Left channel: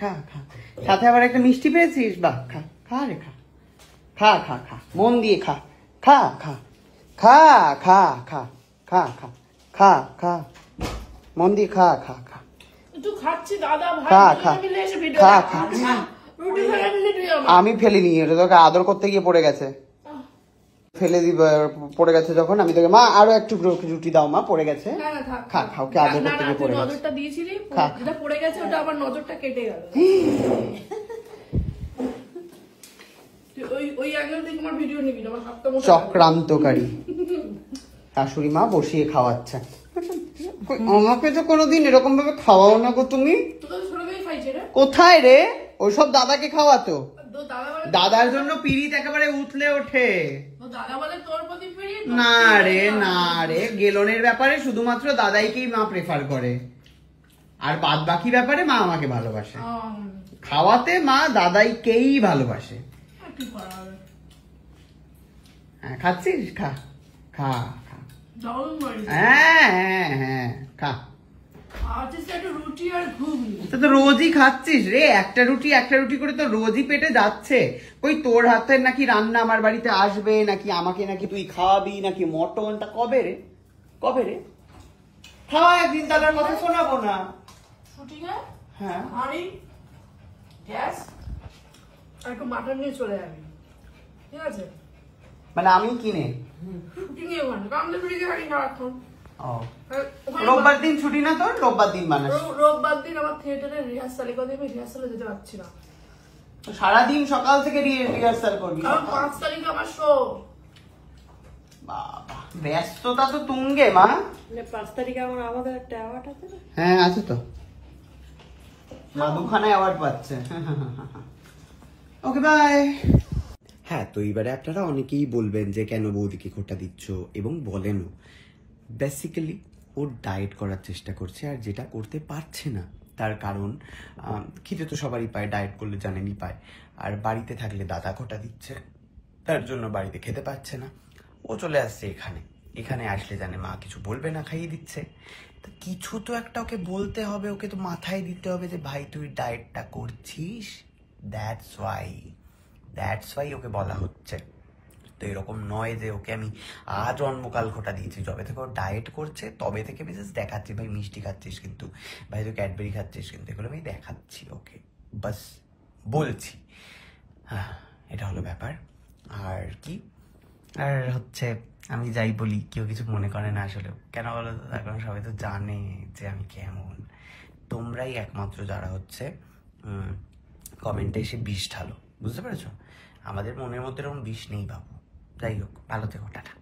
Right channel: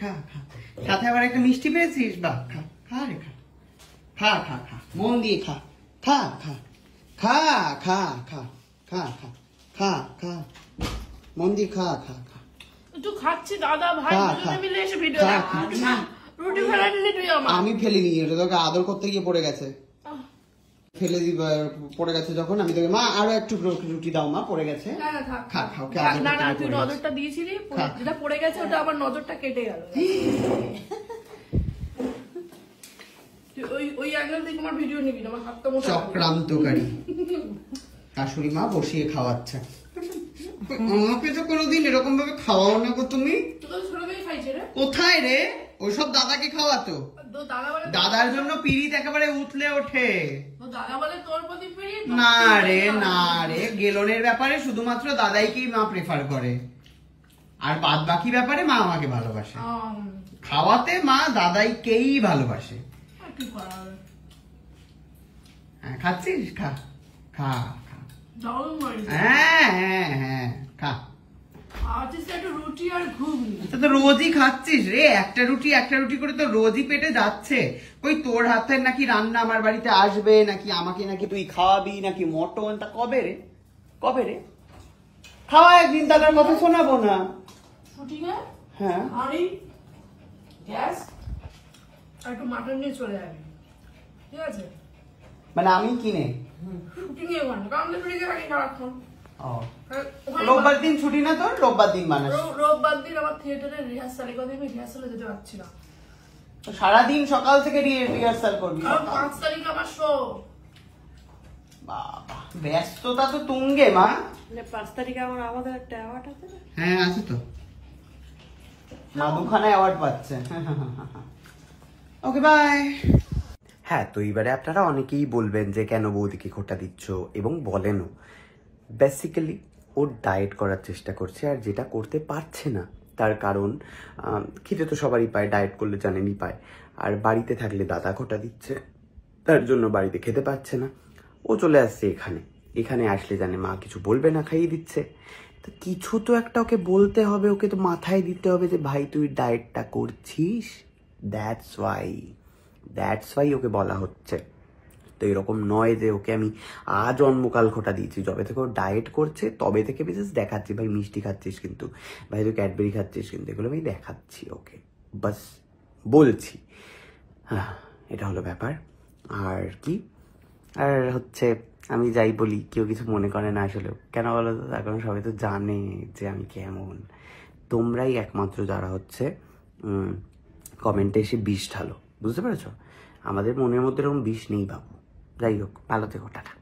খা খা, সাথে আবার একটা মিষ্টি পেয়েছিস, বাহ, খা খা রে খা খা খা খা, মন দিয়ে খা খা খা খা খা খা খা খা খা খা, মন দিয়ে খা খা খা, একটু খাচ্ছি দাদা ভাই, খা খা মিলে এসে ভিডিও খা খা। রুটি ফেলে তুই আমার। আমি ফেলিনি, এটা তোকে আদর করতে গিয়ে পড়ে গেছে, ফেলে দিব, পড়ে গেছে যখন আমি তোকে মা আরো একটু রুটি দাও মা, পড়ে গেছে, খা খা, ওকে আদর করতে গিয়ে পড়ে গেছে। নজরটা দিয়েছিলি, যেটা পড়ে গেছে ওটা আবার নজরটা কেটে গেল। ওই অ্যাঙ্গেল থেকে আমার ভিডিও নিবি না, আমার হাতটা মোটা। চক্রান্তকারী শাশুড়ি মা বসিয়ে খাওয়াচ্ছে আমাকে, তো কোনোদিন এরকম ভাবে খাওয়াও না গো তুমি। কোথায় রে ওইসব দাদাকে খাওয়াতো, দাদার জন্য পিরিত একেবারে উঠলে ওঠে। না রে না রে, গেলনের ব্যাপারে শুধুমাত্র দাদাইকেই মা প্রেফার করে, আর বাদ বাকি ব্যাপারে মা আমাকে ভালোবাসে। খাওয়াতে মা দাদাইকেই ভালোবাসে। হ্যাঁ খাচ্ছিস, খা খা খা, হ্যাঁ হ্যাঁ হ্যাঁ খা। রুটি আর ঘুগনি তো রোজই খাচ্ছিস রে, একটা রুটি করে তো রোজই পেটে যাচ্ছে। ওই তোর হাতের নাকি রান্না আমার বাড়িতে আসবে, নাকি আমাকে নাকি তুই খাওয়াবি, নাকি মটনটা কবে রে, কবে রে? খাওয়া একদিন, তার কথা শোনাবো না। হ্যাঁ একটু মাটন নিয়ে চলে যাবি, ঠিক আছে? মানে আমি কিনে শুটিং এ মানে কামদের ফিরে গেলি সারাক্ষণ। রোববার দিন ছুটি না তোর? রোববার দিন মানে রোববার দিন আমার থিয়েটারের রিহার্সাল, কথা আমি রিহার্সালে যেতে পারছি না। সারাদিন সকাল থেকে রিহার্সাল করবি, কারণ 5 তারিখ আমার শো। ব্যস্ততা তো তুঙ্গে মা। 5 তারিখে আমাদের একটা অ্যাওয়ার্ড আছে না? হ্যাঁ আছে তো, বাবুখানে অ্যাওয়ার্ড পাচ্ছে। Okay bye. হ্যাঁ, তো এবারে আপনারা অনেকেই বলবেন যে কেন বৌদিকে খোটা দিচ্ছ, এবং বলেনও। বেসিক্যালি ও ডায়েট করার চেষ্টা করছে, আর যেটা করতে পারছে না তার কারণ খেতে তো সবারই পায়, ডায়েট করলে জানেনই পায়, আর বাড়িতে থাকলে দাদা খোটা দিচ্ছে, তার জন্য বাড়িতে খেতে পাচ্ছে না। ও চলে আসছে এখানে আসলে জানে মা কিছু বলবে না, খাইয়ে দিচ্ছে। তো কিছু তো একটা ওকে বলতে হবে, ওকে তো মাথায় দিতে হবে যে ভাই তুই ডায়েটটা করছিস, দ্যাটস ওয়াই ওকে বলা হচ্ছে। তো এরকম নয় যে ওকে আমি আজ অন্মকাল খোটা দিয়েছি, যবে থেকে ও ডায়েট করছে তবে থেকে বিশেষ দেখাচ্ছি, ভাই মিষ্টি খাচ্ছিস কিন্তু, ভাই তুই ক্যাডবেরি খাচ্ছিস কিন্তু, এগুলো আমি দেখাচ্ছি ওকে, বাস বলছি। হ্যাঁ, এটা হলো ব্যাপার। আর কি, আর হচ্ছে আমি যাই বলি কেউ কিছু মনে করে না আসলে, কেন বলো তো, এখন সবাই তো জানে যে আমি কেমন। তোমরাই একমাত্র যারা হচ্ছে কমেন্টে এসে বিষ ঢালো, বুঝতে পেরেছ? আমাদের মনের মধ্যে এরকম বিষ নেই বাবু। যাই হোক, ভালো থেকো, টাটা।